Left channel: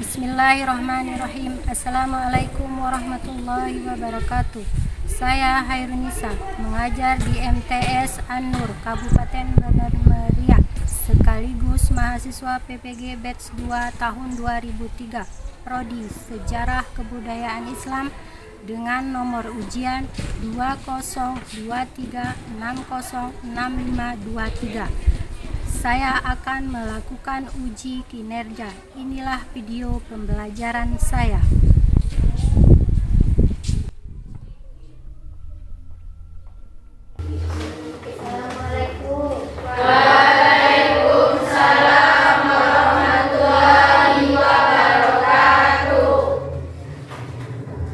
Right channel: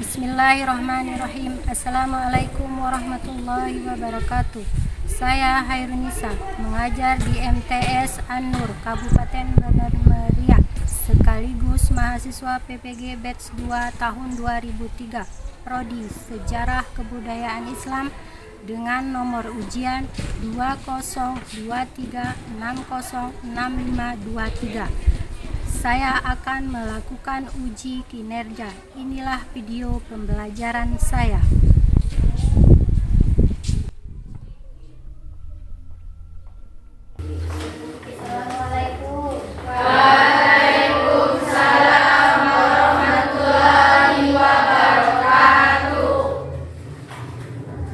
Bismillahirrahmanirrahim. Assalamualaikum warahmatullahi wabarakatuh. Saya Hairunisa, mengajar di MTS An-Nur, Kabupaten Bener Meriah, sekaligus mahasiswa PPG Batch 2 tahun 2003, Prodi Sejarah Kebudayaan Islam dengan nomor ujian 2023606523. Saya akan melakukan uji kinerja. Inilah video pembelajaran saya.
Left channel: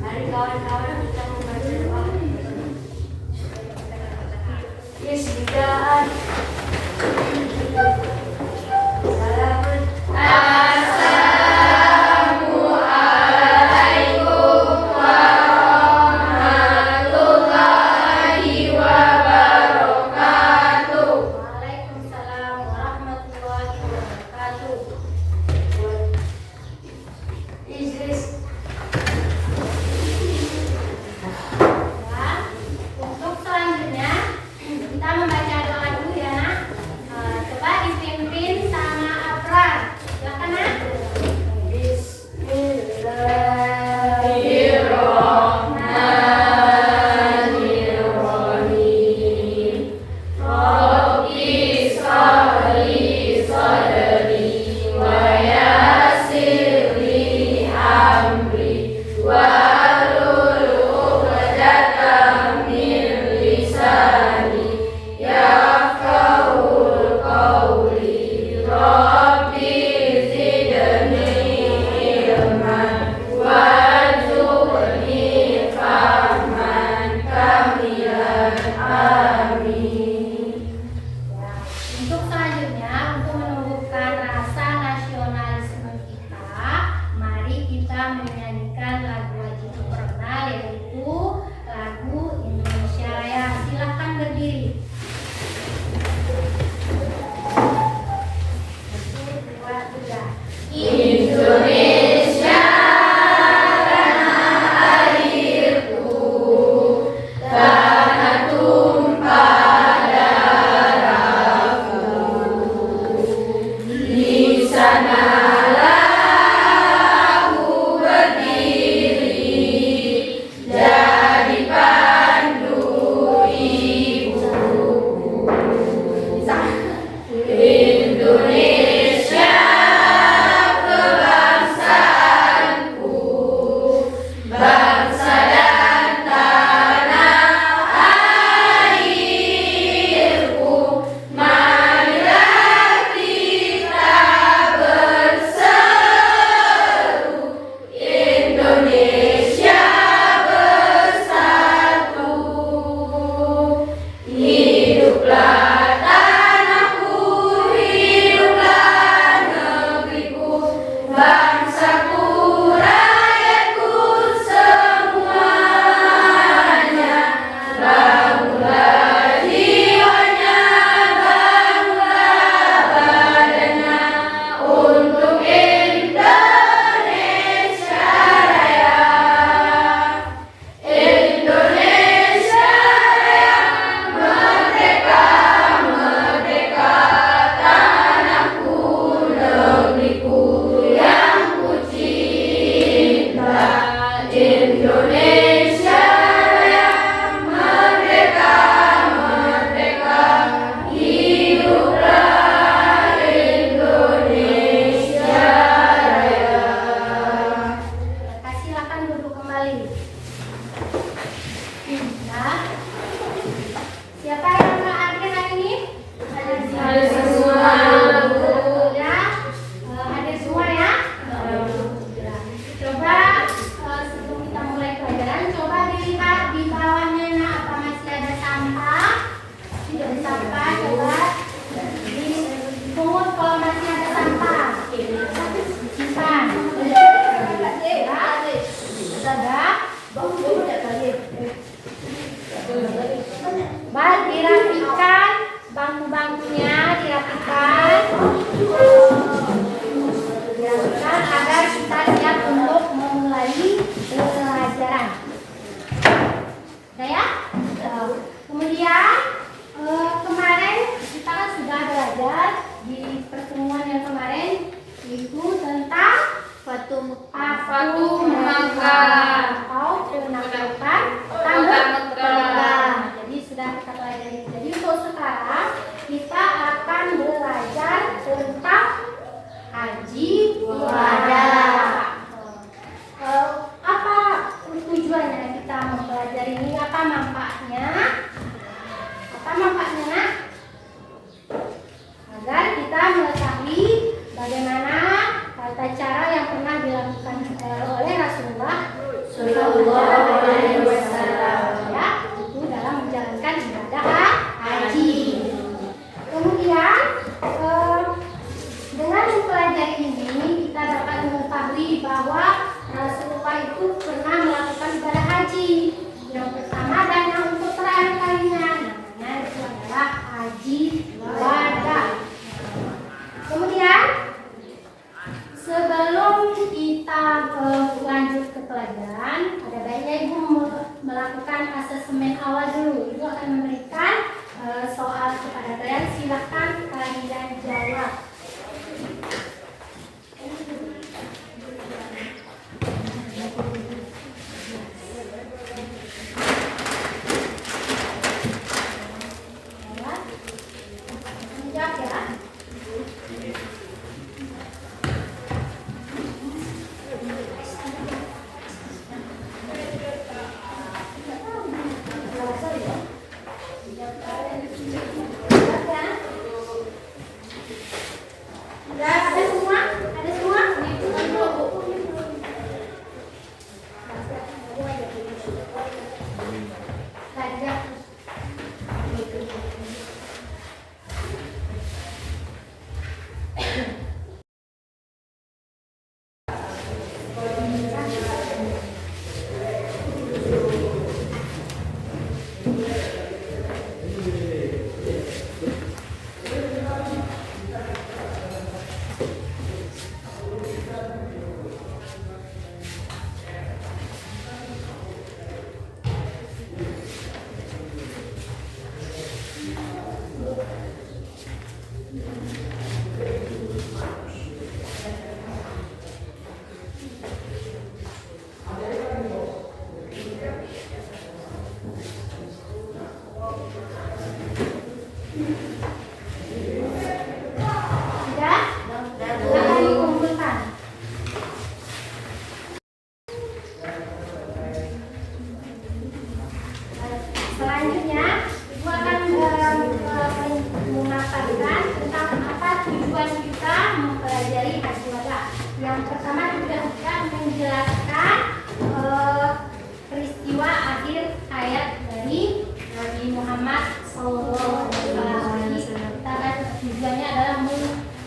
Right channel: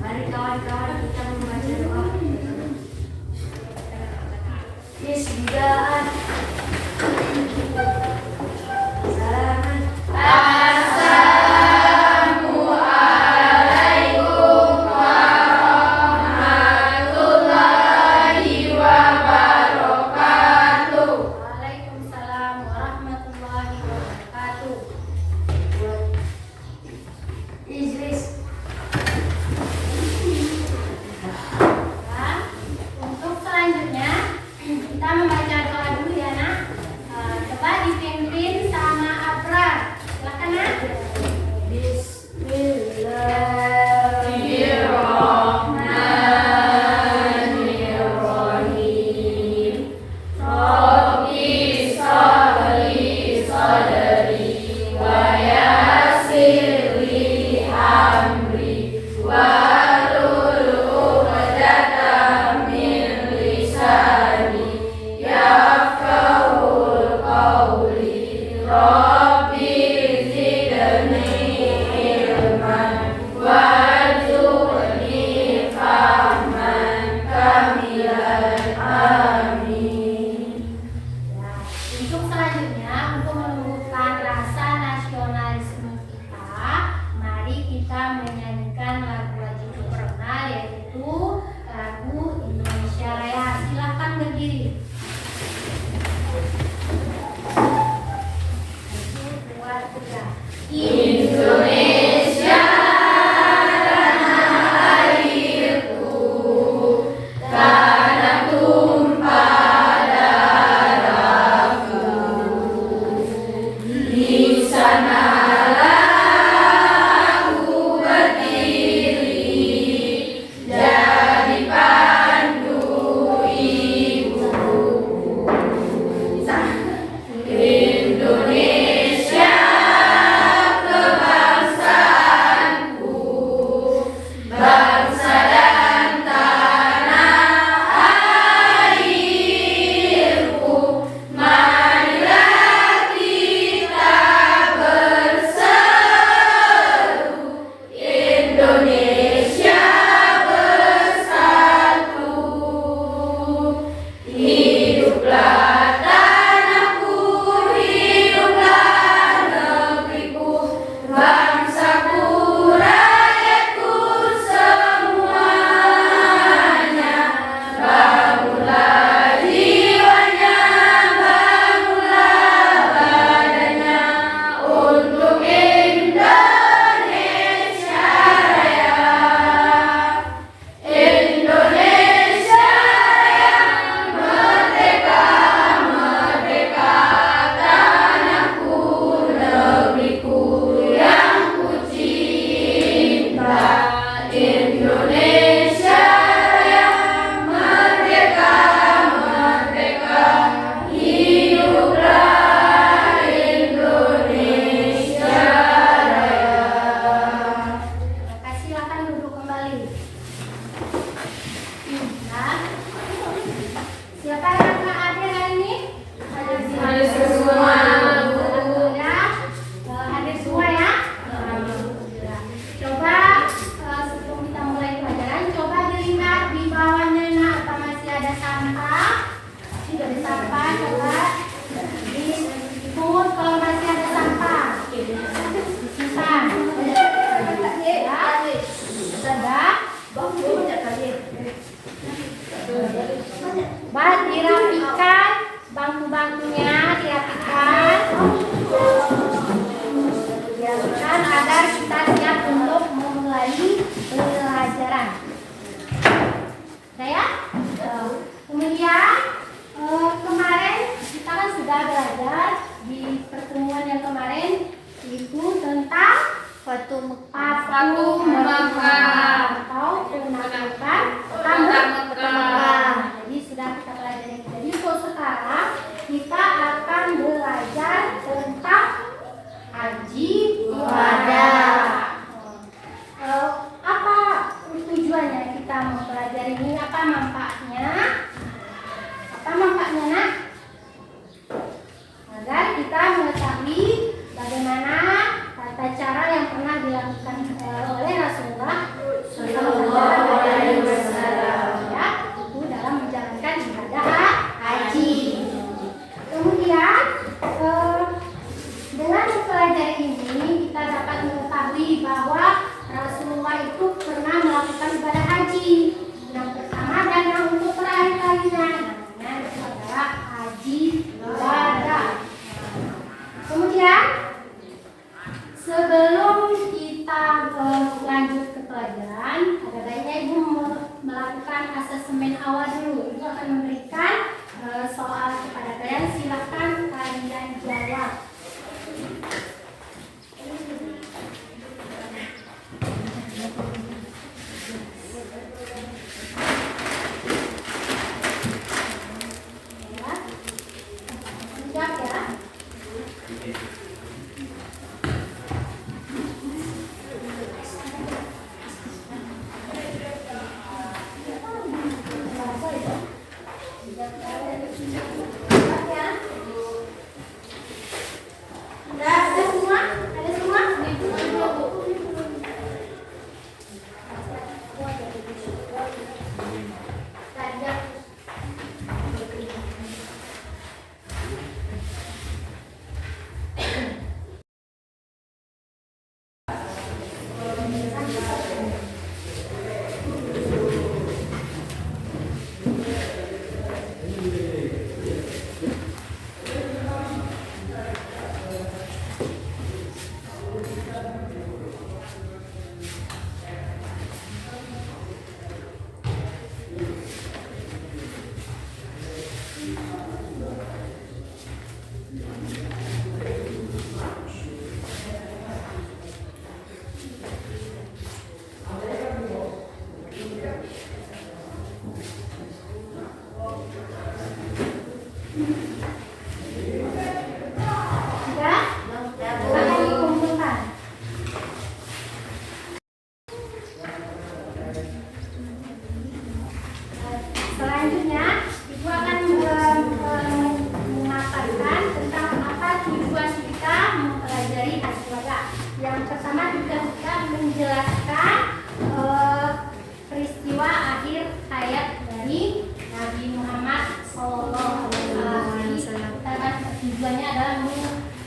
Mari kawan-kawan kita membaca doa. Bismillah. Dirapikan, bangku-bangkunya dirapikan. dilakukan agar kita siap untuk memulai pelajaran. Ya? Kemudian kemarin kita kan sudah belajar di pertemuan yang kemarin itu tentang suatu memakan atau penaklukan tetangga. Jadi sudah kita pelajari. Jadi sekarang kita akan belajar tentang haji ibadah. Apa tujuannya kita mempelajari ini? Apa manfaatnya? Nak? Agar kita mengetahui bagaimana tata cara yang pernah dilakukan oleh Rasulullah SAW, ya, itu dalam menjalankan ibadah haji. Kemudian dengan mempelajari ini kita dapat mengetahui bahwa Rasulullah itu pernah melakukan ibadah haji yang pertama dan yang untuk terakhir kalinya, namanya itu adalah haji ibadah. Kemudian sebelum kita lanjut ke pelajaran, ada baiknya Ibu melakukan asesmen awal dulu. Ibu akan memberikan soal kepada kalian, silakan kalian jawab.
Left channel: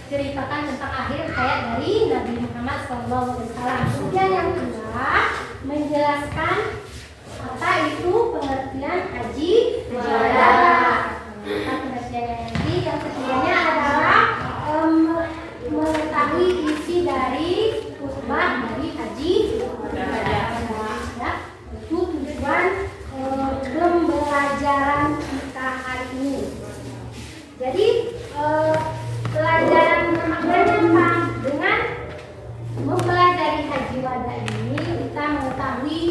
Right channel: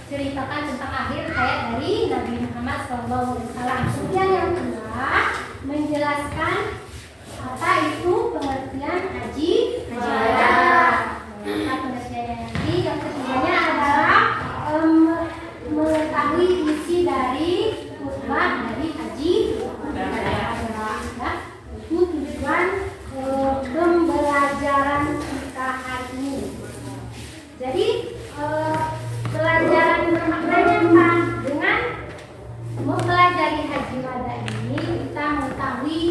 Ceritakan tentang akhir hayat dari Nabi Muhammad SAW. Kemudian yang kedua, menjelaskan apa itu pengertian haji ibadah. Apa pengertiannya nanti? Yang ketiganya adalah mengetahui isi dari khutbah dari haji ibadah. Ya, itu tujuan pembelajaran kita hari ini. Jadi pelajaran maknanya apa? Dengan mempelajari haji wada ini kita mengetahui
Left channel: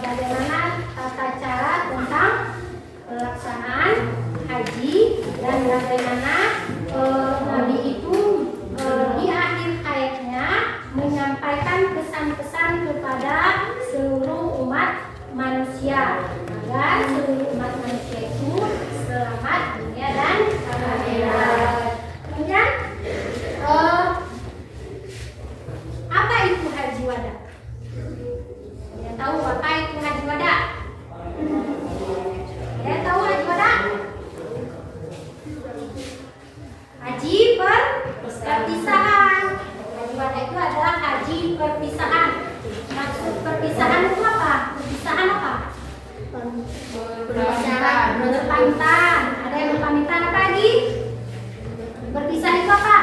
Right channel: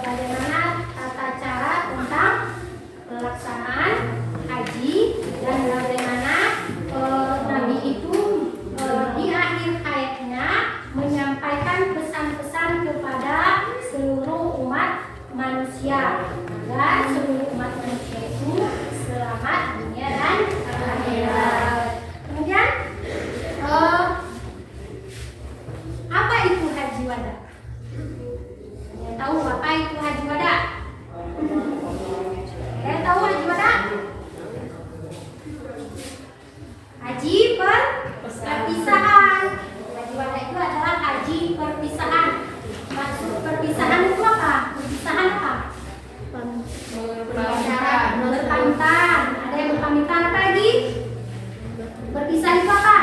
bagaimana tata cara tentang pelaksanaan haji dan bagaimana Nabi itu di akhir hayatnya menyampaikan pesan-pesan kepada seluruh umat manusia agar seluruh umat manusia itu selamat dunia dan akhirat. Kemudian apa itu haji wada? Yang tahu apa itu haji wada? Yang tahu haji wada? Haji perpisahan. Haji wada itu adalah haji perpisahan. Maksud perpisahan itu apa? Perpisahan apa? Berpamitan. Ada yang berpamitan, apa lagi? Berpisah itu apa?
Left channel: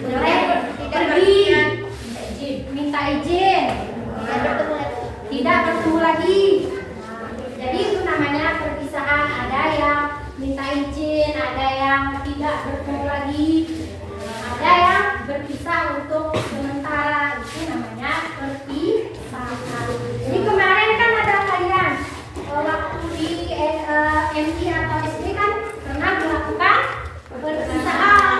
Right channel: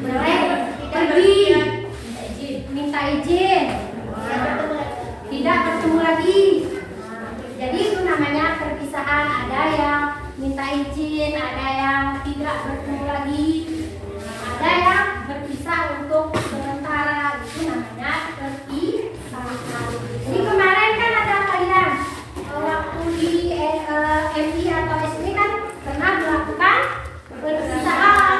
Boleh pergi izin, tidak bertemu lagi. Jadi itu namanya perpisahan. Ada yang minta izin, ada yang tidak bertemu lagi, ada yang berpisah untuk sementara. Itu namanya perpisahan. Jadi kemarin kan ada kalian waktu di MI atau SD kan pernah melakukan perpisahan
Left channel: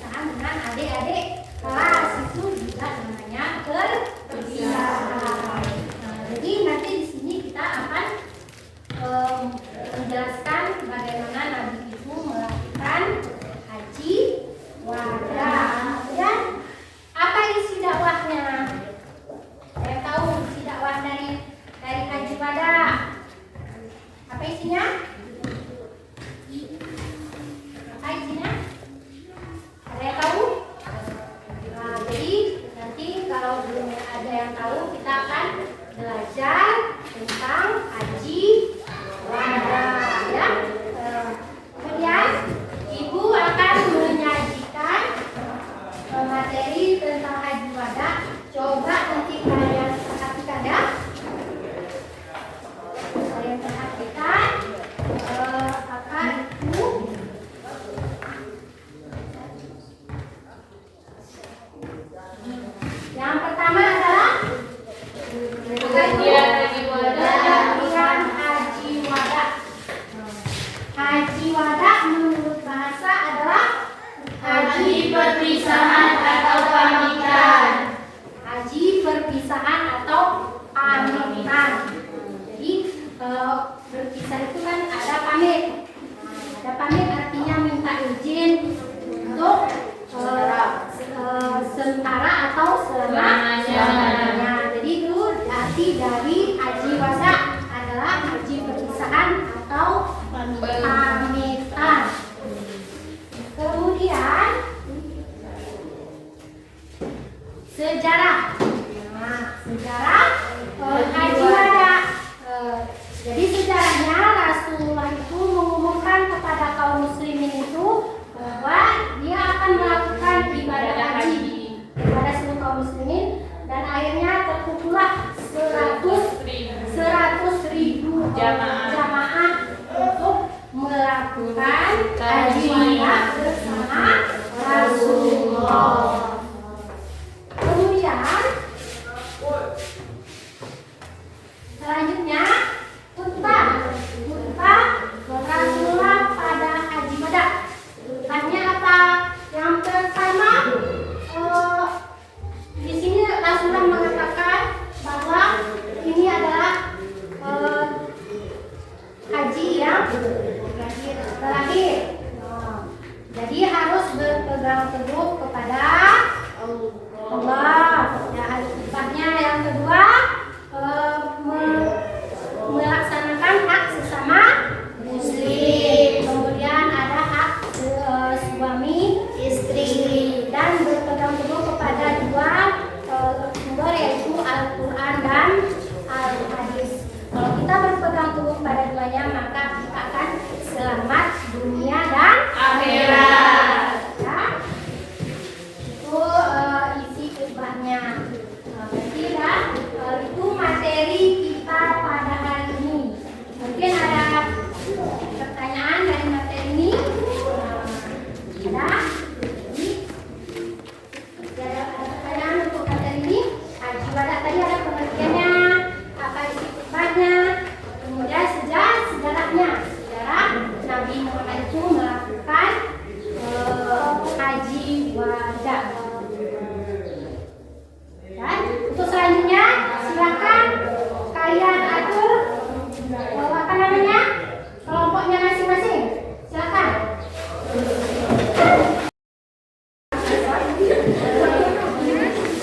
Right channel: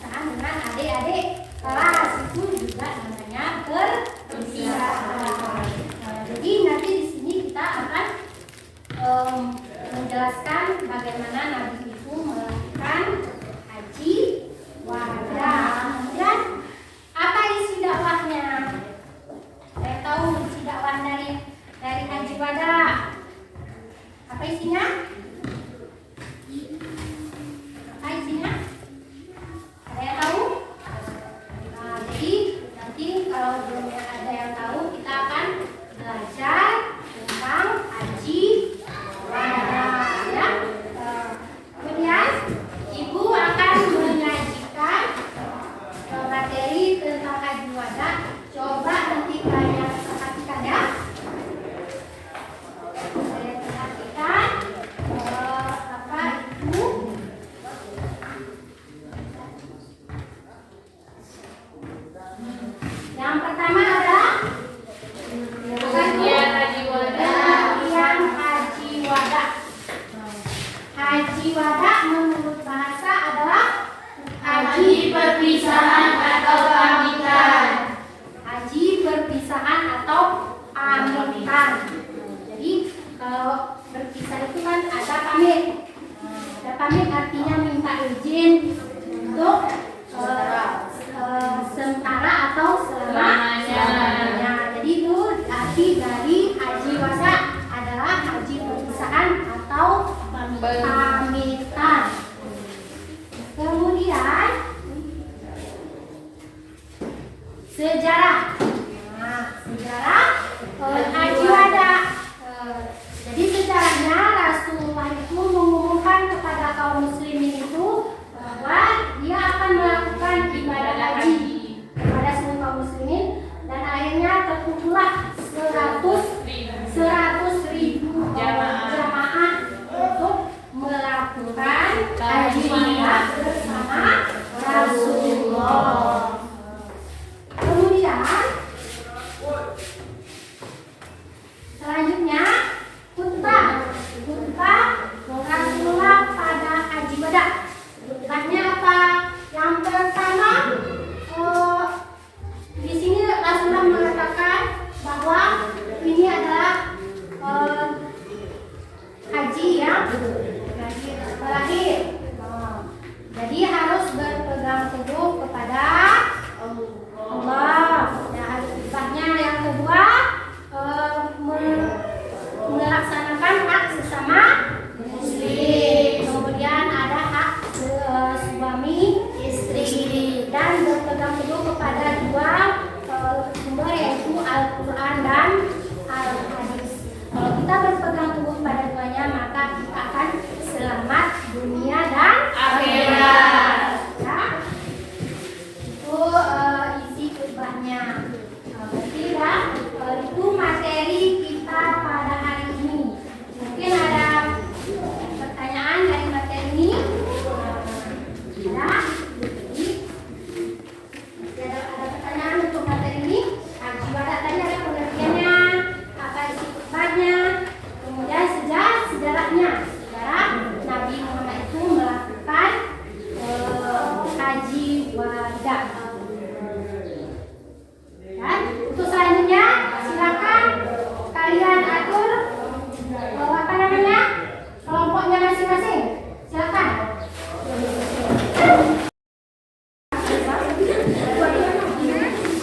dengan adik-adik kelas. Itu juga namanya perpisahan. Jadi nanti di sini kita akan menjelaskan bagaimana Nabi itu melakukan haji wada. Kemudian apa isi dakwahnya? Saya tahu isi dakwah dari haji wada. Apa isinya? Apa isinya? Saya tahu. Nah, jadi nanti kalau belum ada yang tahu, kita akan belajar tentang haji wada, ya. Kemudian Ibu akan menyajikan materi tentang haji wada. Coba nanti kalian perhatikan, ya. Kalian perhatikan apa itu. Yang pertama adalah bagian haji wada. Haji wada menurut bahasa adalah haji perpisahan atau pamitan. Haji perpisahan atau pamitan. Jadi kalau berpisah itu kan ada pamit. Ada pamit artinya minta izin untuk sementara atau selamanya. Jadi itu arti dari haji wada adalah haji perpisahan atau pamitan. Kemudian sejarah. Nah, sejarah haji wada. Jadi sejarahnya Rasulullah itu mengumumkan kepada kaum muslimin itu bahwa dia akan melakukan ibadah haji kepada seluruh kaum muslimin, dan akhirnya terkumpullah 100.000 jamaah untuk melakukan haji wada bersama Rasulullah. Kemudian selanjutnya khutbah Rasulullah pada haji wada. Khutbahnya apa? Yang pertama, di sini Rasulullah mengatakan bahwa ini adalah haji yang terakhir. Jadi harus berpegang teguh kepada Allah. Ya, khutbahnya yang kedua, melaksanakan hak sesama muslim. Kemudian ada hak suami istri, dan berpegang teguh kepada dua sumber, yaitu Al-Quran dan Al-Hadis. Kalau kita berpegang teguh pada duanya, maka kita akan selamat dunia dan akhirat. Ya? Itu isi khutbahnya. Berarti itu materi kita pada hari ini. Mungkin ada pertanyaan dari materi ini? Ada pertanyaan untuk materi ini? Haji wada tadi ada pengertiannya, apa isi khutbahnya, kemudian sejarahnya. Sejarah Nabi Muhammad itu melakukan haji wada. Dan untuk selanjutnya silakan kalian atur apa namanya, kelompoknya masing-masing. Silakan.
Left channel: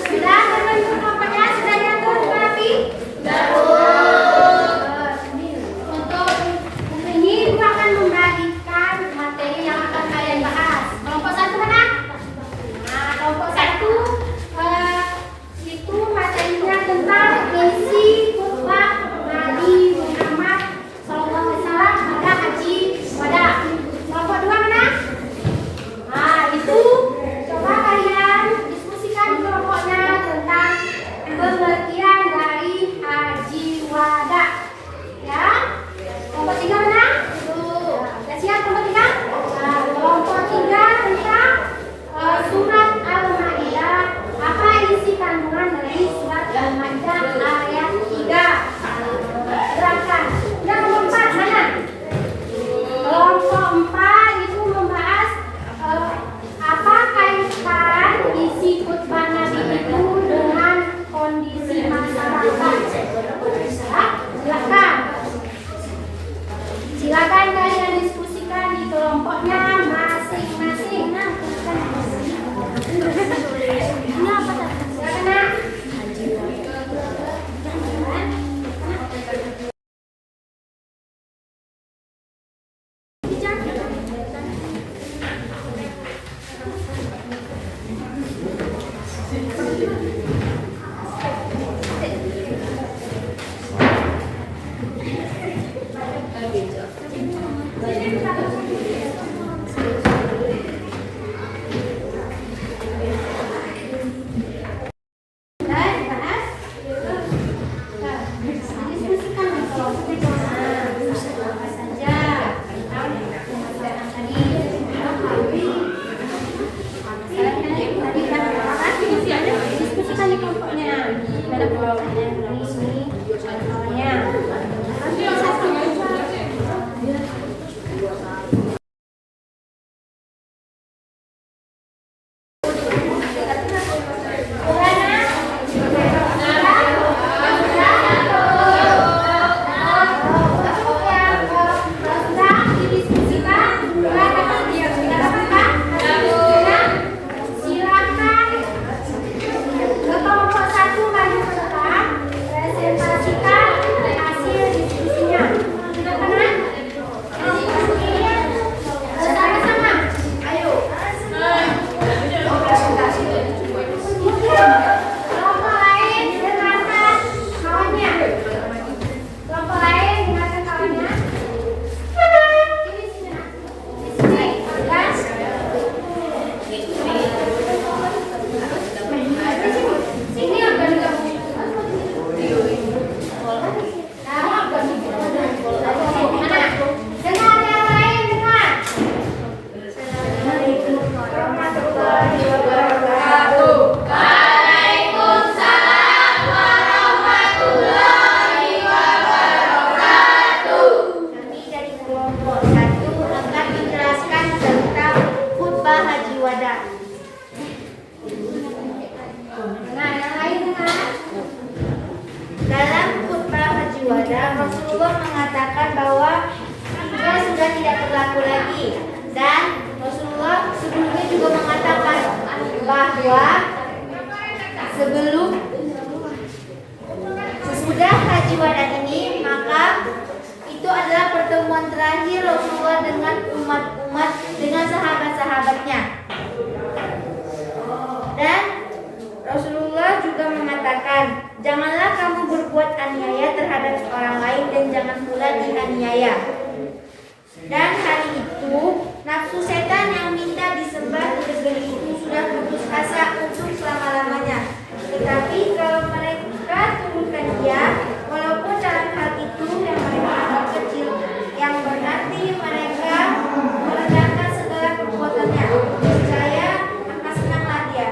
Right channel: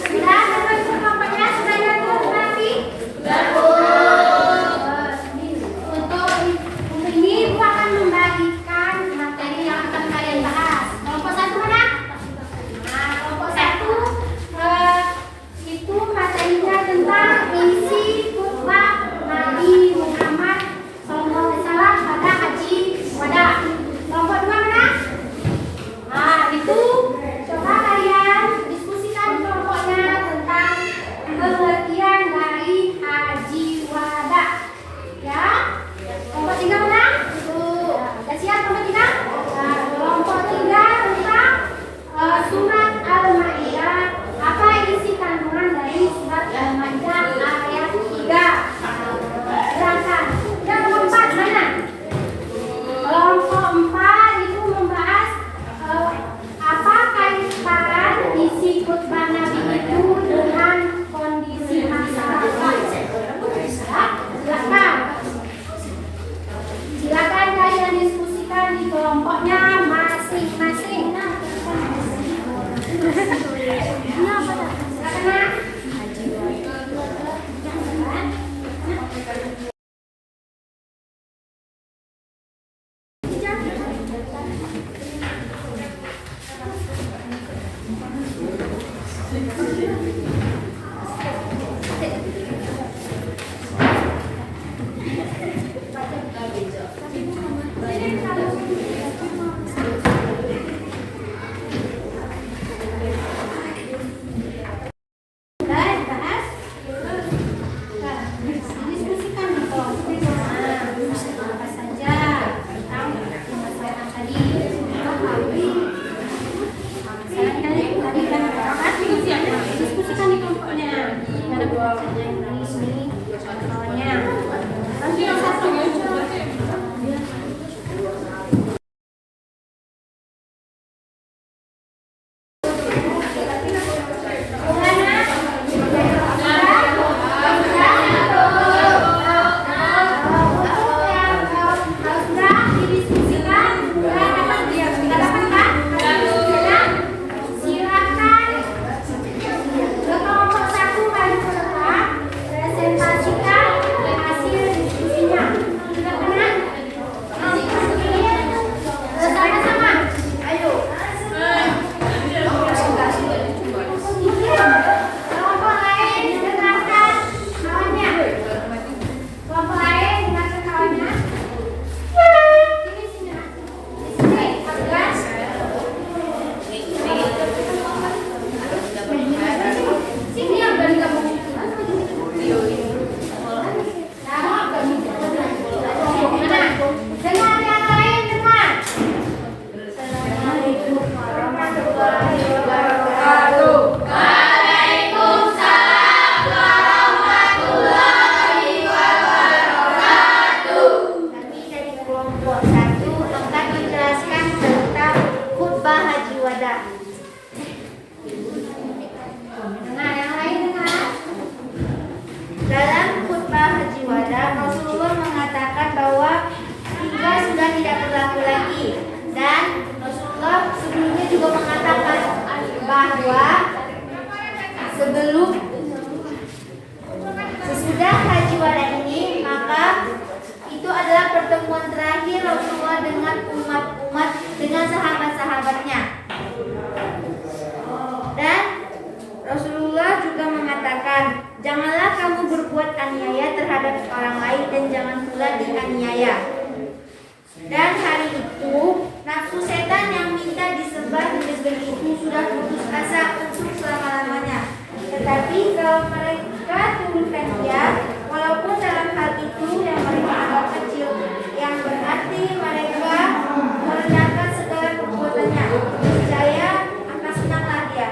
Sudah terbentuk kelompoknya, sudah diatur nanti. Untuk ini Ibu akan membagikan materi yang akan kalian bahas. Kelompok satu mana? Nah, kelompok satu itu materinya tentang isi khutbah Nabi Muhammad SAW pada haji wada. Dalam khutbah Haji Wada, Rasulullah mengatakan bahwa tiga sudah tidak berlaku lagi, dan Rasulullah sebelumnya juga mengatakan bahwa sesudah Haji Wada ini, maka itu adalah pertemuan terakhir Rasulullah dengan umat-umat, dengan sahabat-sahabatnya. Dan Rasulullah juga mengatakan, janganlah kamu berbuat aniaya terhadap orang lain dan jangan pula dianiaya. Dan hari itu, nafsu setan yang minta disembah di negeri itu sudah putus asa untuk selama-lamanya. Tetapi kalau mereka turunkan dia, walaupun dalam hal itu yang mereka anggap kecil, yang berarti mereka merendahkan segala perbuatannya, saya akan senanglah dia.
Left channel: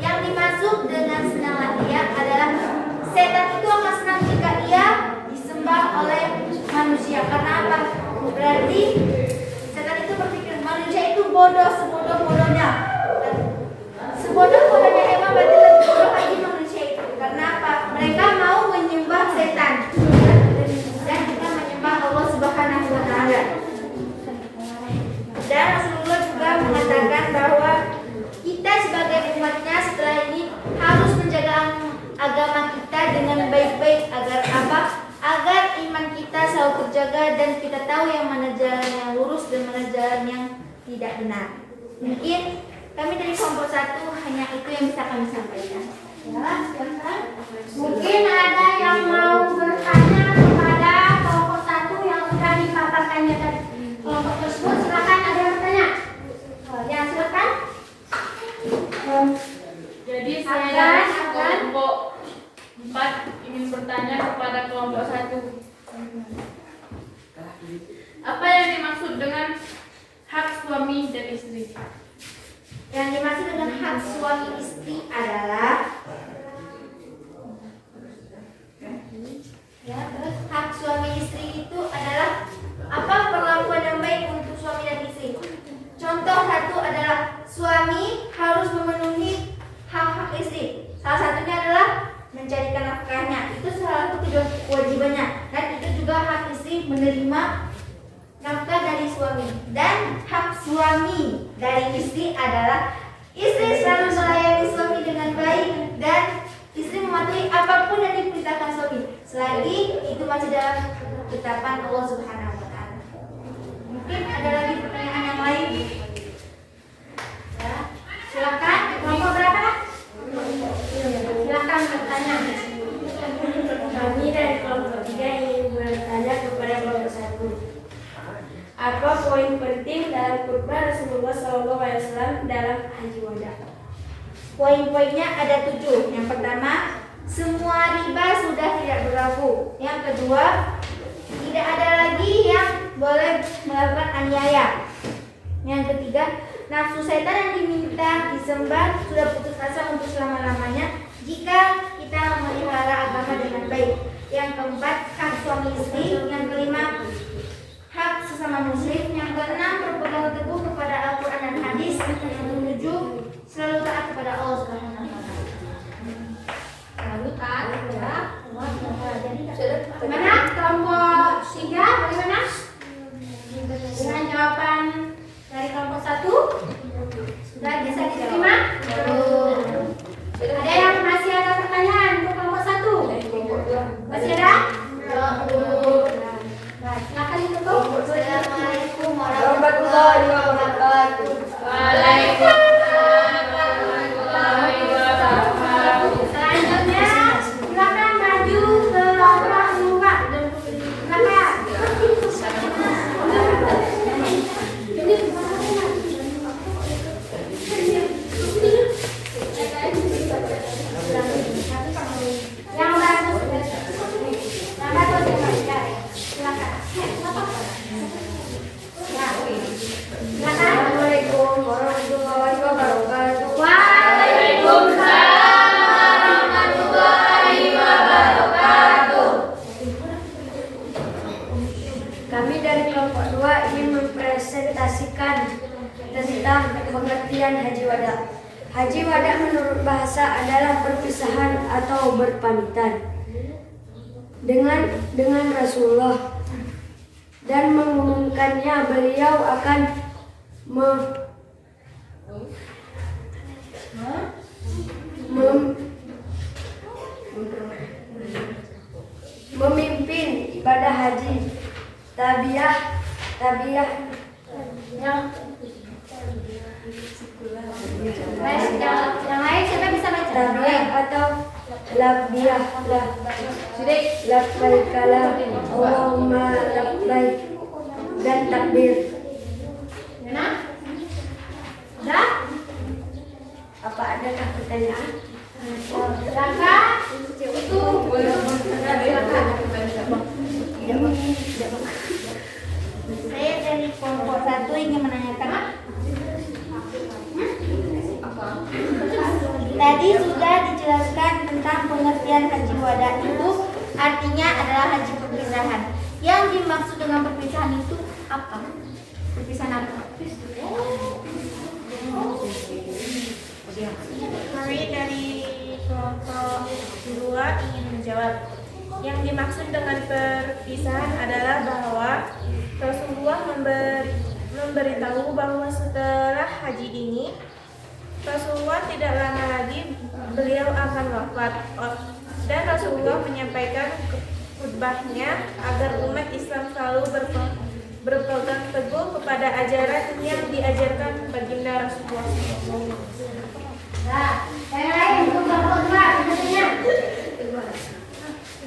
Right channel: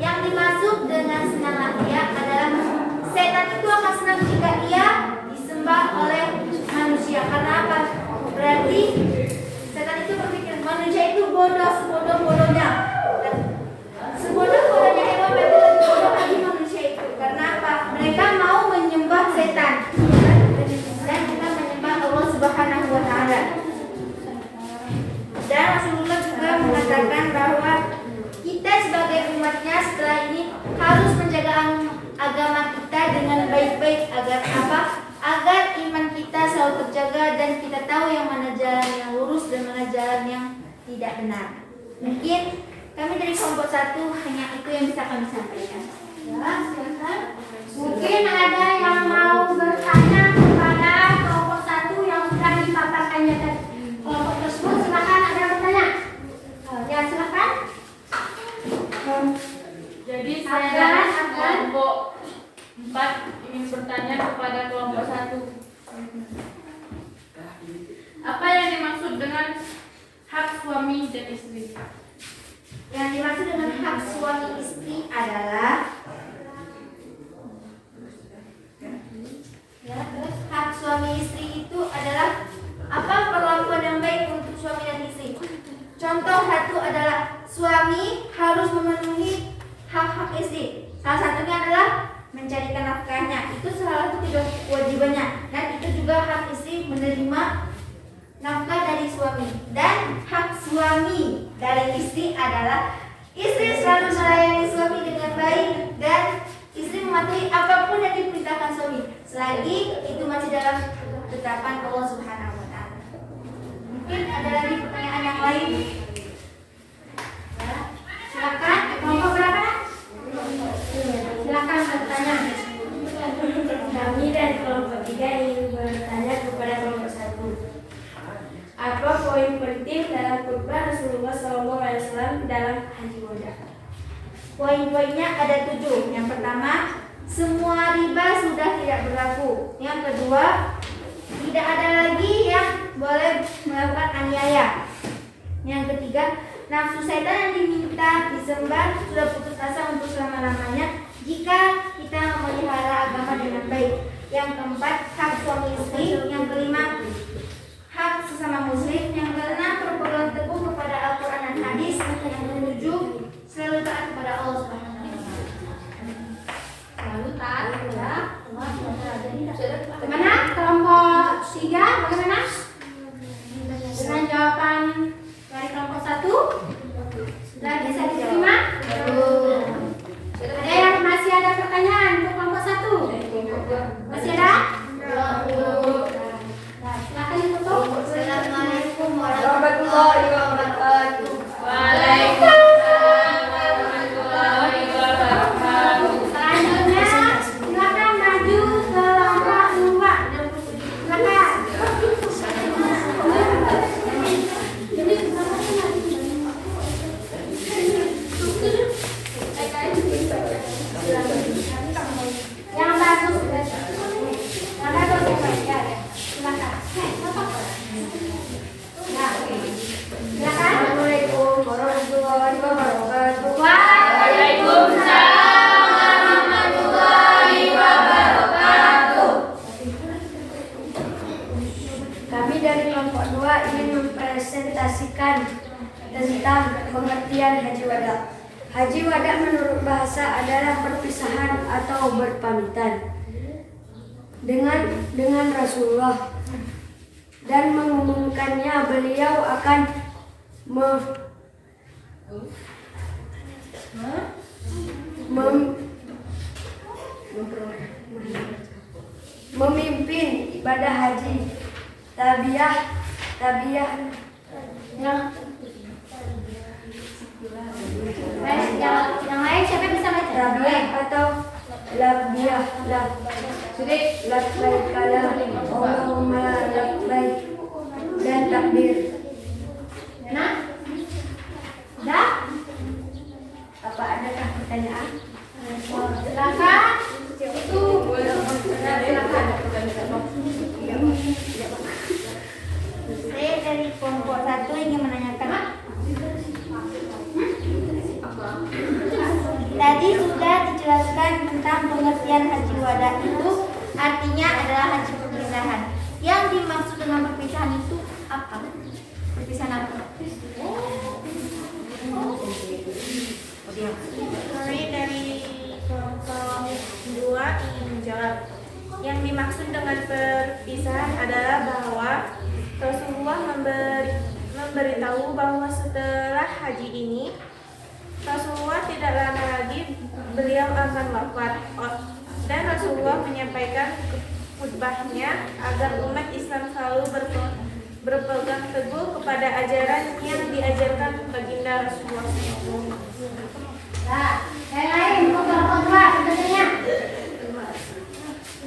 Yang dimaksud dengan senanglah dia adalah setan itu akan senang jika ia disembah oleh manusia. Karena apa? Berarti setan itu berpikir manusia itu bodoh, sebodoh-bodohnya. Sebodoh-bodohnya hewan, berarti lebih bodoh lagi manusia itu. Karena apa? Mereka mau menyembah setan dan kita menyembah Allah Subhanahu wa Ta'ala. Dan Rasulullah juga mengatakan bahwa kita sebagai umatnya setelah ini harus menjaga agama kita dengan baik-baik. Agar apa? Agar iman kita selalu terjaga dan kita tahu yang mana jalan yang lurus dan mana jalan yang tidak benar. Mungkin kami dari kelompok 1 hanya itu yang bisa kami sampaikan. Ya, silakan. Mungkin ada yang mau bertanya kepada kelompok 1 yang sudah dipaparkannya tadi. Kelompok tersebut silakan, ada yang bertanya. Ya, silakan. Jadi saya dari kelompok 4 ingin bertanya kepada kelompok 1. Apa yang dimaksud dengan hak suami dan istri? Yang dimaksud dengan hak suami istri adalah hak suami istri itu adalah apa? Perlakuan yang baik untuk suami dan istri. Contoh satu adalah suami harus memenuhi hak-hak istri. Salah satunya adalah mencarikan nafkahnya. Itu salah satu kewajibannya. Dan itu juga hak istri menerima nafkah dari suami. Dan hak suami dari istri adalah istri selalu melayani suami dengan baik dan istri mematuhi apapun yang diperintahkan suami, selagi itu masih dalam ketetapan Allah Subhanahu wa Ta'ala. Mungkin ada lagi pertanyaan yang lain? Ya, silakan. Kelompok berapa? Silakan bertanya. Kami dari kelompok 3 ingin bertanya kepada kelompok 1. Apa poin khutbah Rasulullah SAW dalam Haji Wada. Poin-poinnya ada 7. Yang pertama, semua riba sudah tidak berlaku. Yang kedua, tidak ada lagi yang boleh melakukan aniaya. Yang ketiga, nafsu setan yang diminta disembah sudah putus asa untuk selama-lamanya jika kita memelihara agama dengan baik. Yang keempat, hak suami istri. Yang kelima, hak sesama muslim. Yang keenam, berpegang teguh kepada Al-Quran dan hadis. Yang ketujuh, selalu taat kepada Allah Subhanahu wa Ta'ala. Lalu taat kepada Allah SWT. Bagaimana kelompok 3? Bagaimana? Dengan jawaban dari kelompok 1 sudah bisa diterima? Ada yang masih ada pertanyaan untuk kelompok 1? Masih ada? Nah, silakan ditutup. Assalamualaikum warahmatullahi wabarakatuh. Waalaikumsalam warahmatullahi wabarakatuh. Selanjutnya silakan maju ke kelompok 2. Silakan. Yang bagus. Yang bagus ya, Pak. Ya, ya. Silakan. Ya. Silakan. Assalamualaikum warahmatullahi wabarakatuh. Waalaikumsalam warahmatullahi wabarakatuh. Kami dari kelompok 2 ingin mempresentasikan tentang pengertian Haji Wada. Haji Wada menurut bahasa adalah perpisahan atau berpamitan dengan Rasulullah, dan mengumumkannya beliau akan memimpin ibadah haji, tabiyah Yang lain siapa bisa baca? tabiyah atau labiyah labbaikala Allahumma labbaik dan takbir. Mana? Sudah? Apa adakah pertanyaan? Silakan. Itu silakan. Saya dari kelompok 1 ingin menanyakan. Tadi sudah dijelaskan tentang pengertian Haji Wada, itu artinya adalah haji perpisahan. Yang dimaksud dengan perpisahan itu apa? Perpisahan apa? Kami dari kelompok 2 ingin menjawab. Yang dimaksud dengan perpisahan adalah bahwa Rasulullah memberitahu bahwa setelah haji ini Rasulullah tidak lama lagi beliau akan wafat, dan Rasulullah menyampaikan khutbahnya agar umat Islam selalu berpegang teguh kepada ajaran yang diajarkan baginda Rasulullah SAW. Nah, yang lain untuk kelompok 2 sebenarnya.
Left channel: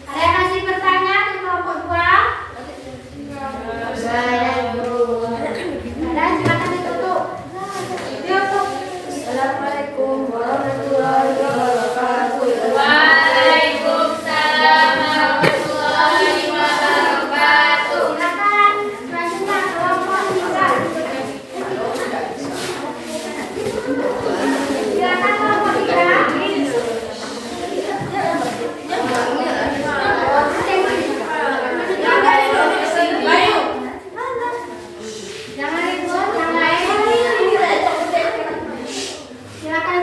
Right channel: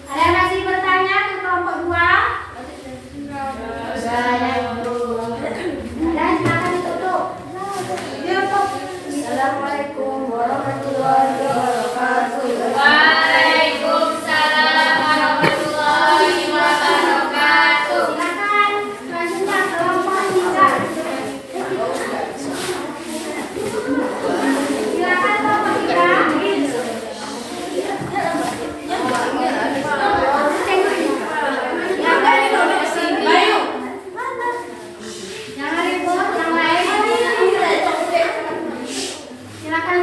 Ada yang masih bertanya di kelompok 2? Ada, silakan ditutup. Assalamualaikum warahmatullahi wabarakatuh. Waalaikumsalam warahmatullahi wabarakatuh. Silakan selanjutnya kelompok 3. Silakan kelompok 3. Jangan ribut, yang lain. Silakan.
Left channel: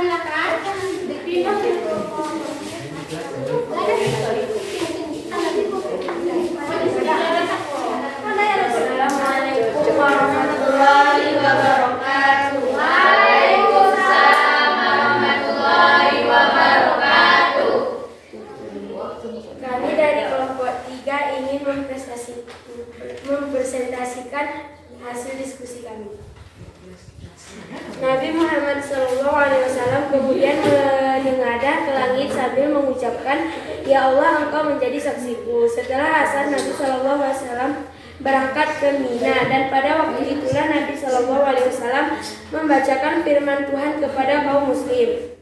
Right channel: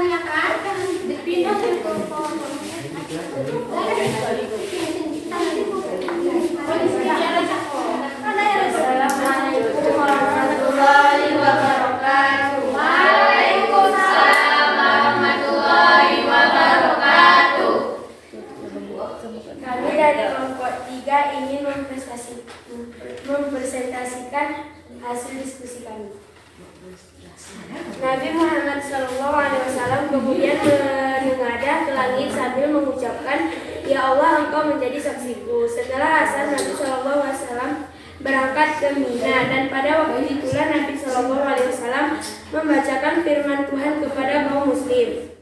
Assalamualaikum warahmatullahi wabarakatuh. Waalaikumsalam warahmatullahi wabarakatuh. Kami dari kelompok 3 ingin mempresentasikan hasil diskusi kami. Nabi Muhammad SAW kemudian menengadah ke langit sambil mengucapkan, "Ya Allah, Engkau menjadi saksiku." Setelah asar, Nabi SAW berangkat ke Mina, dan pada waktu itulah Nabi Shallallahu Alaihi Wasallam membacakan firman Tuhan kepada kaum muslim.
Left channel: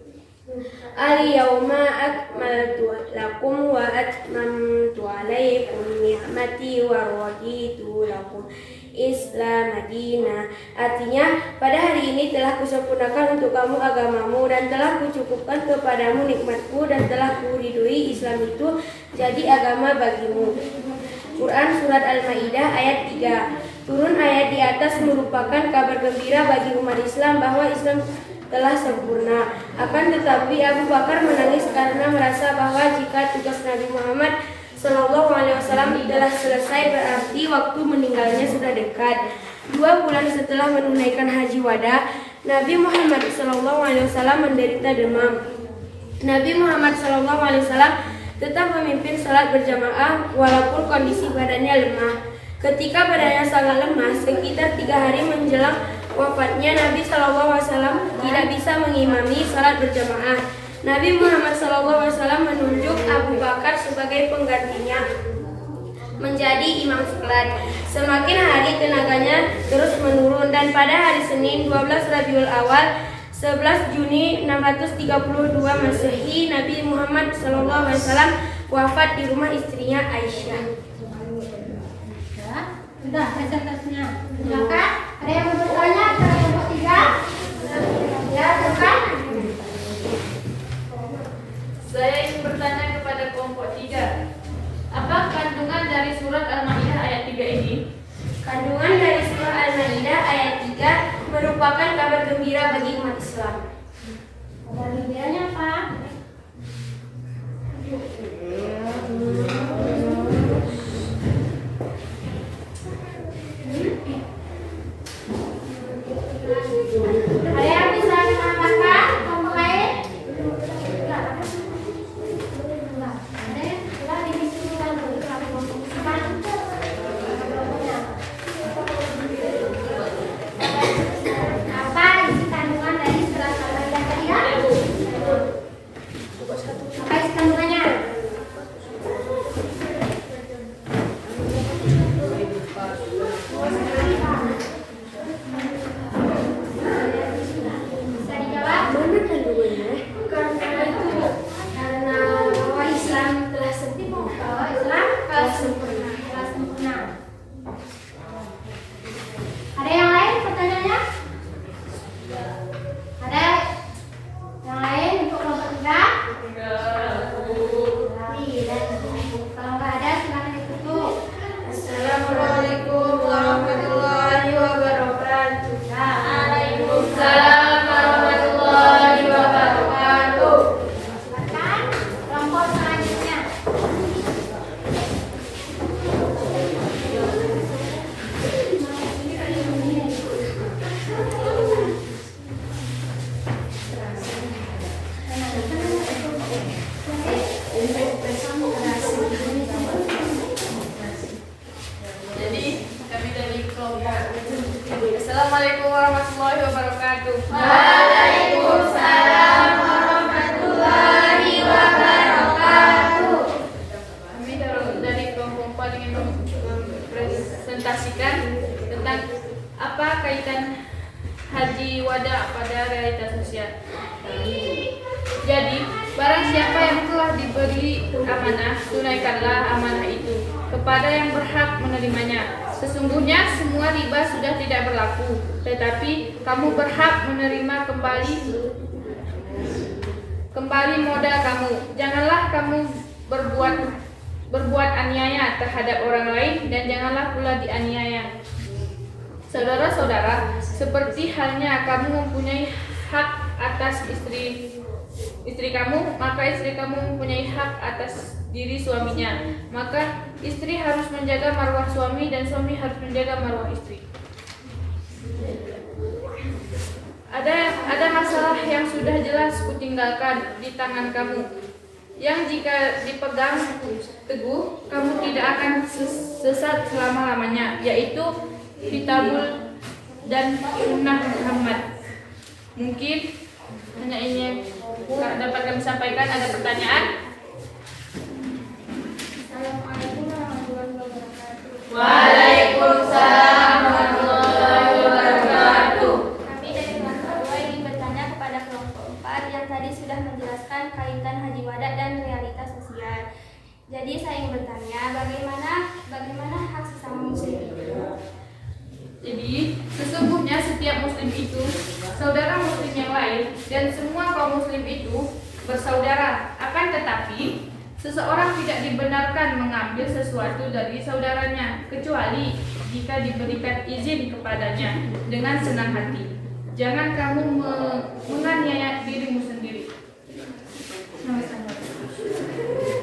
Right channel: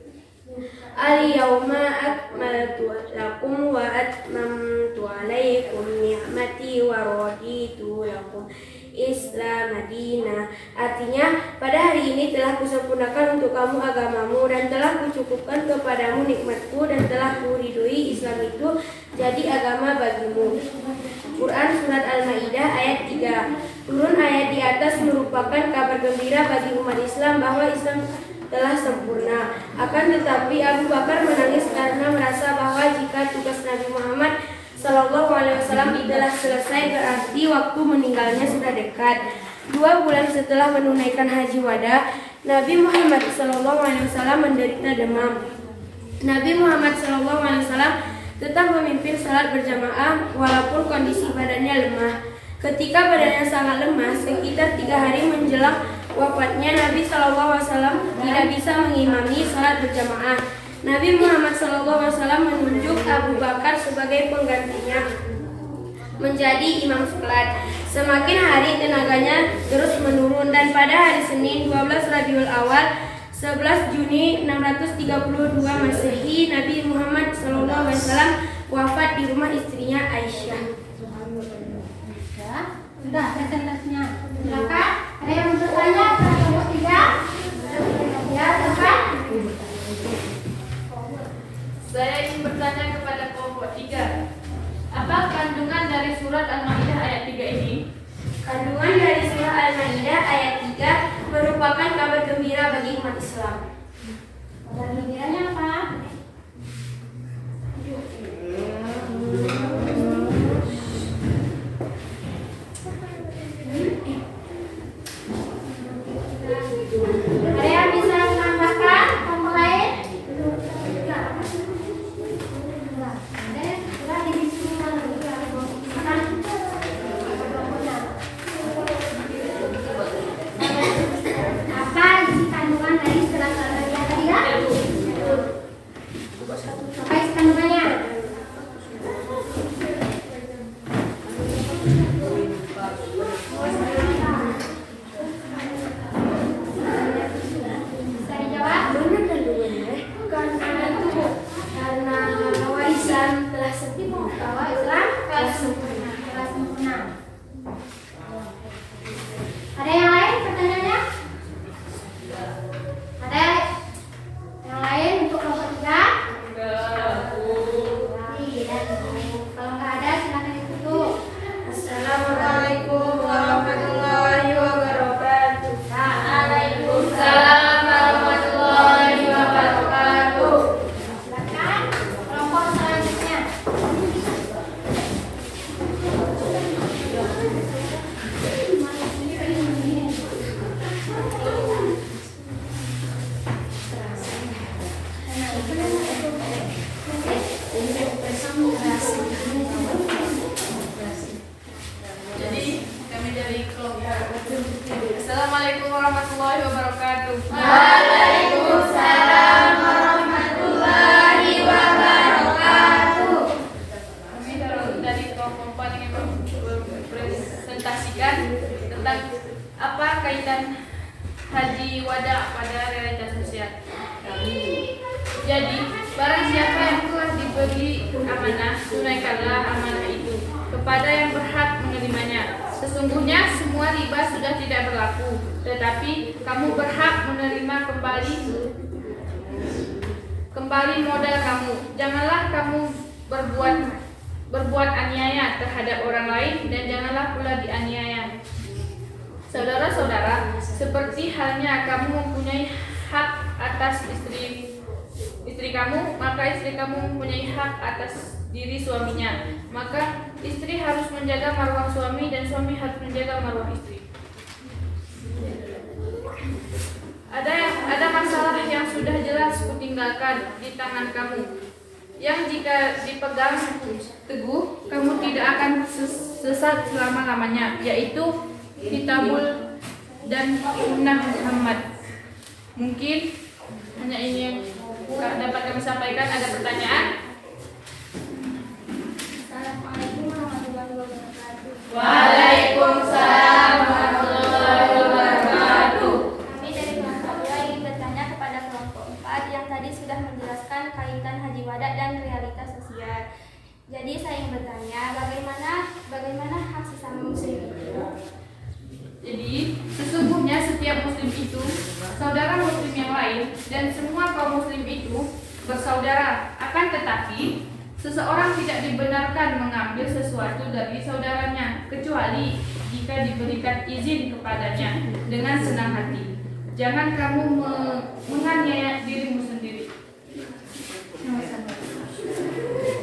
Al-yawma akmaltu lakum wa atmamtu alaikum ni'mati wa raditu lakum Islam Madinah. Artinya, pada hari ini telah kusempurnakan untuk kamu agamamu dan telah kucukupkan kepadamu nikmatku dan telah kuridhoi Islam itu jadi agama bagimu. Quran Surat Al-Ma'idah ayat 3. Turun ayat di atas merupakan kabar gembira bagi umat Islam bahwa Islam telah sempurna. Akan tetapi Abu Bakar menangis karena merasa bahwa jika tugas Nabi Muhammad Sallallahu Alaihi Wasallam telah selesai, berarti waktu meninggalnya sudah dekat. 2 bulan setelah menunaikan haji wada, Nabi Muhammad Sallallahu Alaihi Wasallam menderita demam. Nabi Muhammad Sallallahu Alaihi Wasallam tetap memimpin salat berjamaah walaupun kondisi badannya lemah. Ketika badannya sangat lemah, sekitar 3 hari menjelang wafatnya, Nabi Shallallahu Alaihi Wasallam tidak bisa mengimami salat berjamaah. Nabi Muhammad Shallallahu Alaihi Wasallam menunjuk Abu Bakar sebagai penggantinya menjadi imam salat. Semakin hari tenaganya terus menurun, dan pada hari Senin 12 Rabiul Awal 11 Juni 632 Masehi, Nabi Muhammad Shallallahu Alaihi Wasallam wafat di rumah istrinya Aisyah. Sudah presentasinya. Silakan. Ada yang mau bertanya pada kelompok 3? Ya, silakan. Saya ingin bertanya kepada kelompok 3. Apa kandungan dari surat Al-Ma'idah ayat 3 ini? Kandungan dari surah Al-Ma'idah ayat 3 merupakan kabar gembira bagi umat Islam. Kabar gembiranya apa? Ada yang bisa menambahkan kelompok lain? Ada yang sudah didiskusikan apa isi kandungan dari surat Al-Ma'idah tadi ya? Apa isi kandungannya? Bisa dijawab? Mana kandungannya? Karena bahwa Islam telah sempurna, bahwa Islam telah sempurna. Ada yang lain pertanyaannya? Ada yang lain untuk kelompok 3? Kalau nggak ada silakan ditutup. Assalamualaikum warahmatullahi wabarakatuh. Waalaikumsalam warahmatullahi wabarakatuh. Silakan kelompok selanjutnya. Jadi kami dari kelompok. Assalamualaikum warahmatullahi wabarakatuh. Waalaikumsalam warahmatullahi wabarakatuh. Kami dari kelompok 4 ingin mempresentasikan tentang apa kaitan haji wada pada realitas sosial. Jadi, barang siapa yang telah diberi amanah, tunaikanlah amanah itu kepada yang berhak menerimanya. Sesungguhnya semua riba sudah tidak berlaku, tetapi kamu berhak menerima kembali modal kamu. Janganlah kamu berbuat aniaya terhadap orang lain, dan janganlah pula dianiaya. Saudara-saudara, seperti halnya kamu mempunyai hak atas istri kamu, maka istri kamu mempunyai hak atas diri suaminya. Maka istri harus menjaga marwah suami, dan suami harus menjaga marwah istri. Ada masalah yang sudah jelas kutinggalkan di tangan kamu, yang jika dipegang teguh, kamu tidak akan sesat selama-lamanya, yaitu Kitabul dan Sunnah Muhammad. Mungkin hanya ini yang dapat kami sampaikan. Ada pertanyaan? Assalamualaikum warahmatullahi wabarakatuh. Waalaikumsalam. Jadi saya ingin bertanya, bagaimana hak sesama muslim itu? Jadi, sesungguhnya setiap muslim itu saudara muslim yang lain dan semua kaum muslim itu bersaudara. Akan tetapi, seseorang tidak dibenarkan mengambil sesuatu dari saudaranya kecuali jika diberikan izin kepadanya dengan senang hati. Jangan kamu menganiaya dirimu sendiri.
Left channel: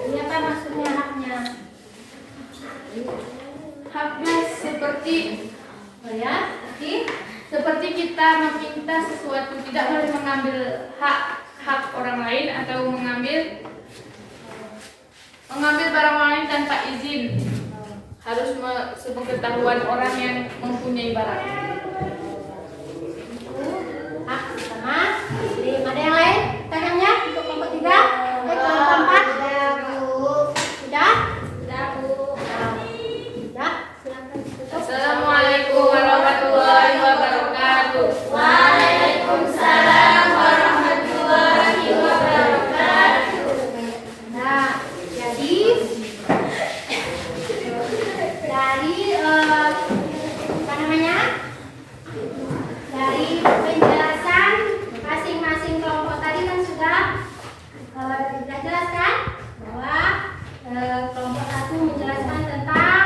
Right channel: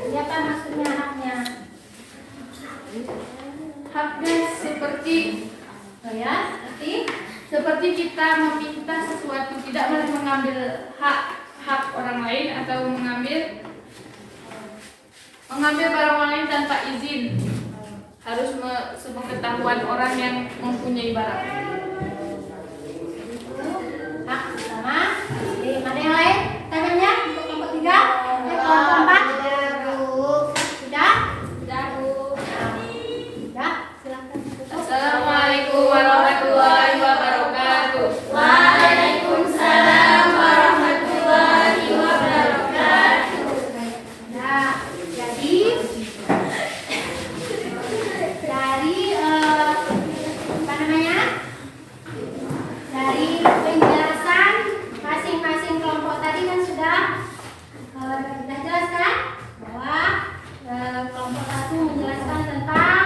Ini apa maksudnya haknya? Haknya seperti seperti kita meminta sesuatu, tidak boleh mengambil hak orang lain atau mengambil barang orang lain tanpa izin. Harus sepengetahuan orang yang mempunyai barang. Hak sama. Ada yang lain? Tangannya untuk kelompok 3, kelompok 4. Sudah? Ya, silakan. Assalamualaikum warahmatullahi wabarakatuh. Waalaikumsalam warahmatullahi wabarakatuh. Nah, jadi dari apa namanya? Dari penjelasan masing-masing kelompok tadi kan sudah jelaskan bahwa kelompok 1 menjelaskan tentang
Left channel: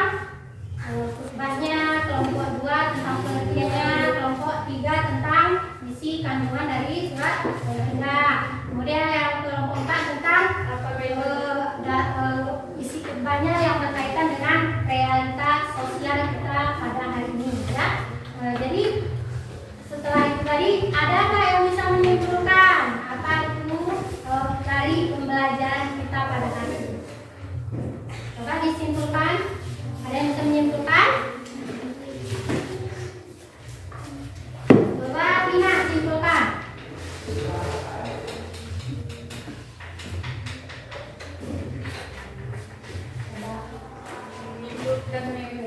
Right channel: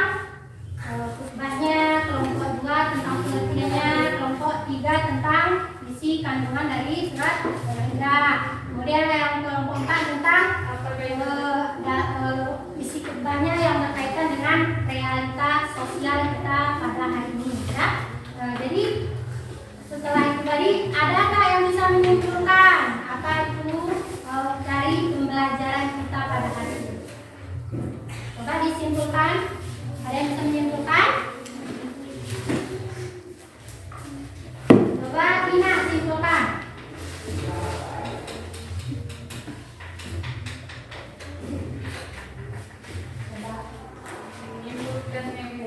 khutbahnya, kelompok 2 tentang pengertiannya, kelompok 3 tentang isi kandungan dari surat Al-Ma'idah. Kemudian yang kelompok 4 tentang isi khutbahnya yang berkaitan dengan realita sosial kita pada hari ini. Ya. Jadi setelah itu tadi, adakah yang bisa menyimpulkan apa itu dari pembelajaran kita pada hari ini? Coba disimpulkan. Ada yang bisa menyimpulkan? Coba Tina simpulkan.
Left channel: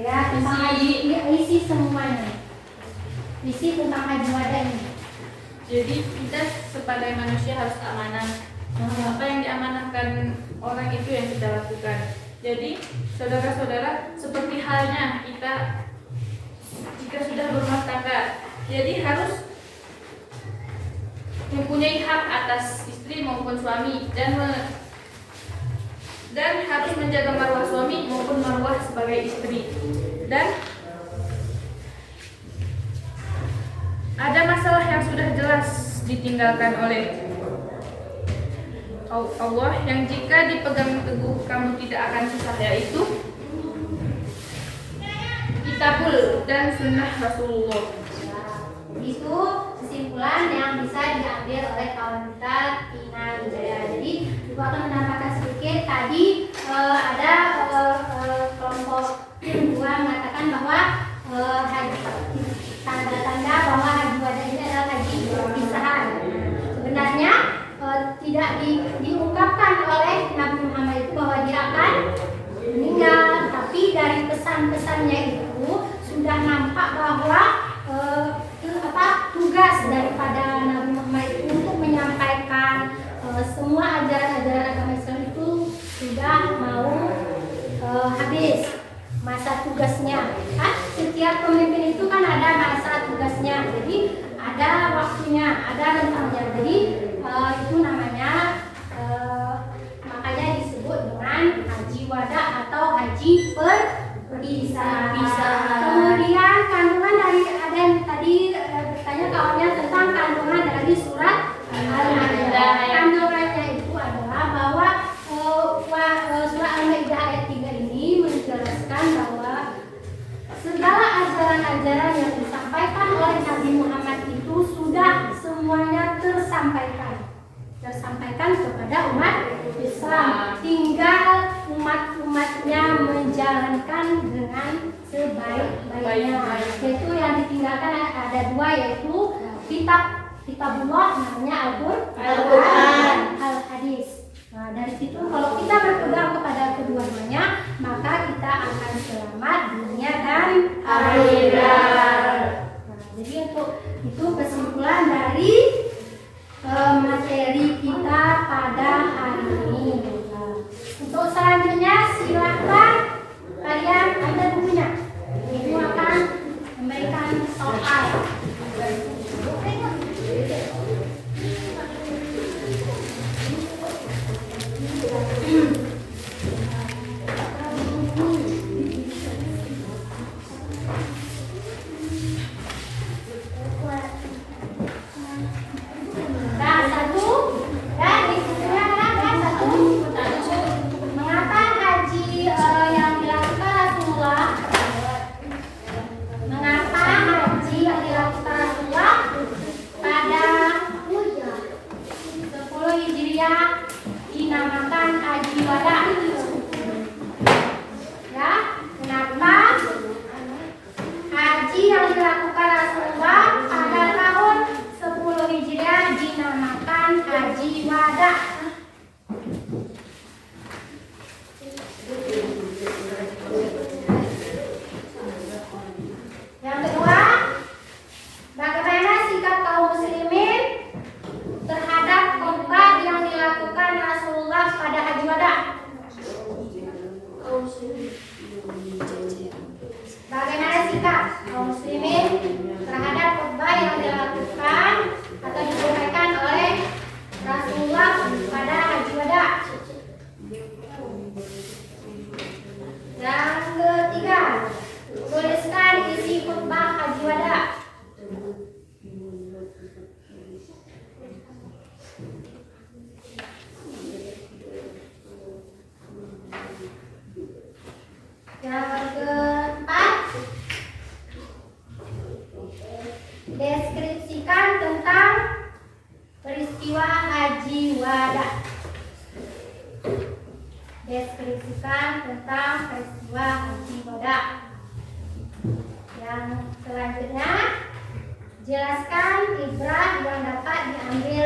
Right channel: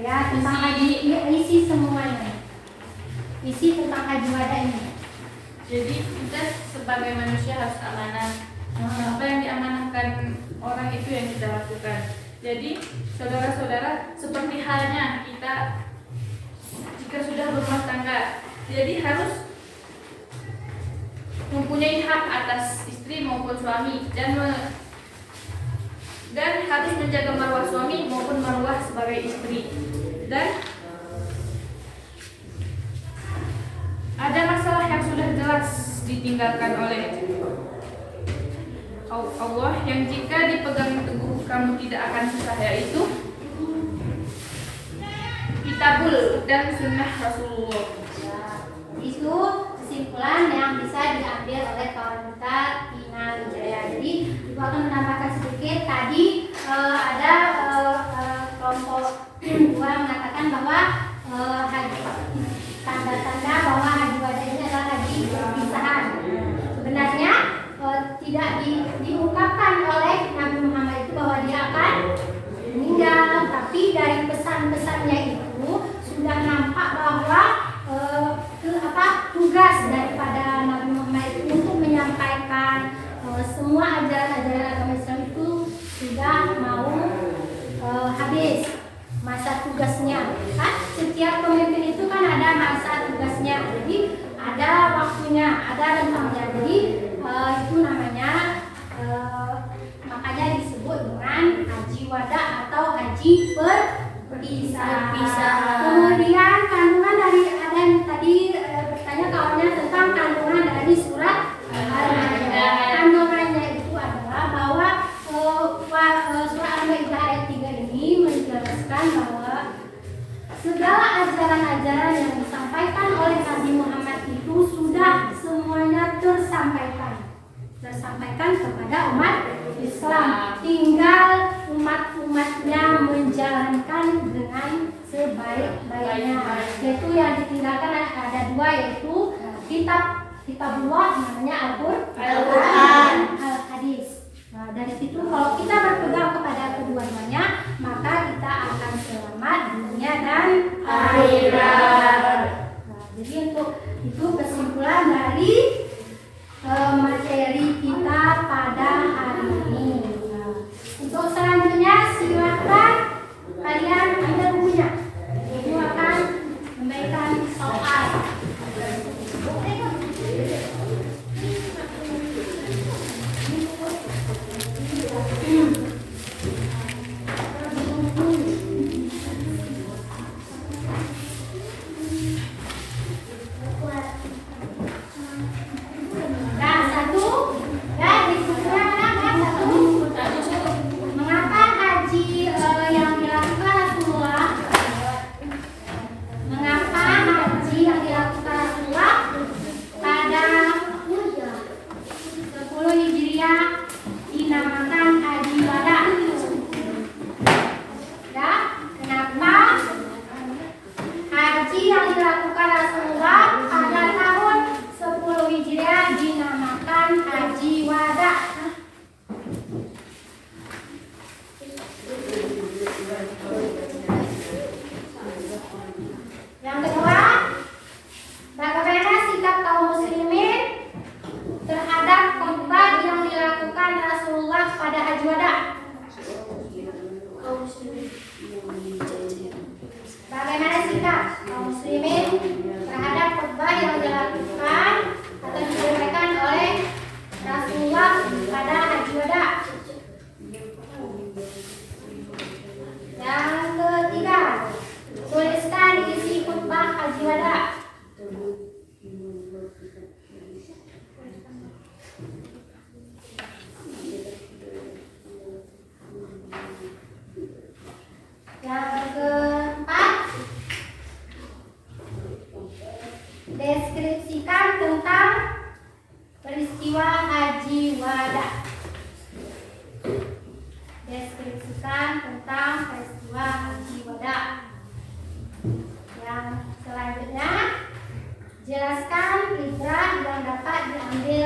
Ya, tentang isi semuanya. Isi tentang haji wada ini. Jadi kita sebagai manusia harus amanah. Apa yang diamanahkan orang itu yang kita lakukan. Jadi saudara-saudara, seperti halnya kita jika sudah berumah tangga, jadi harus mempunyai hak atas istri maupun suami dan harus menjaga marwah suami maupun marwah sebagai istri. Dan ada masalah yang sudah jelas ditinggalkan oleh Allah yang jika dipegang teguh kamu tidak akan susah, yaitu Kitabul dan Sunnah Rasulullah. Itu kesimpulan yang bisa diambil oleh kawan kita Tina Wijaya. Jadi aku akan menambahkan sedikit. Tadi ada kelompok 2 mengatakan bahwa tanda-tanda bahwa haji wada ini adalah haji perpisahan. Sebenarnya tidak diungkapkan oleh Nabi Muhammad itu bahwa dia akan meninggal, tapi dari pesan-pesannya itu sudah nampak bahwa tugas daripada Nabi Muhammad itu untuk menyampaikan semua ajaran-ajaran agama Islam itu sudah mau habis masa tugasnya. Kan setiap pemimpin itu kan ada masa tugasnya, jadi ada waktunya, ada rentangnya. Jadi itu namanya makanya disebut dengan haji wada atau haji perpisahan. Kemudian kandungan dari ada yang tadi bertanya kawannya tentang kandungan dari surat Al-Ma'idah. Kandungannya itu adalah bahwa surat Al-Ma'idah ayat 3 ini menjelaskan bahwa segala ajaran-ajaran yang disampaikan oleh Nabi Muhammad itu sudah semuanya tersampaikan kepada umat Islam. Tinggal umat-umatnya menjalankan dengan sebaik-baiknya. Yaitu yang ditinggalkan ada 2, yaitu kitabullah namanya Al-Quran, Al-Hadis. Nah, dari situ kalau kita berpegang kepada kedua-duanya, maka kita akan selamat dunia dan akhirat. Nah, jadi untuk itu kesimpulan dari materi kita pada hari ini. Nah, untuk selanjutnya silakan kalian ambil bukunya. Ibu akan memberikan soal. Nah, satu. Dan diskusinya ada satu. Mengapa haji yang dilakukan Rasulullah? Mengapa haji yang dilakukan Rasulullah pada 10 Hijriah dinamakan haji wada? Ya, kenapa haji yang dilakukan Rasulullah pada tahun 10 Hijriah dinamakan haji wada? Yang kedua, bagaimana sikap kaum muslimin terhadap khutbah yang dilakukan Rasulullah pada haji wada? Bagaimana sikap kaum muslimin terhadap khutbah yang dilakukan atau disampaikan oleh Rasulullah pada haji wada? Yang ketiga, tuliskan isi khutbah haji wada. Yang keempat, deskripsikan tentang peristiwa haji wada. Deskripsikan tentang peristiwa haji wada. Yang selanjutnya, jelaskan ibrah yang dapat diambil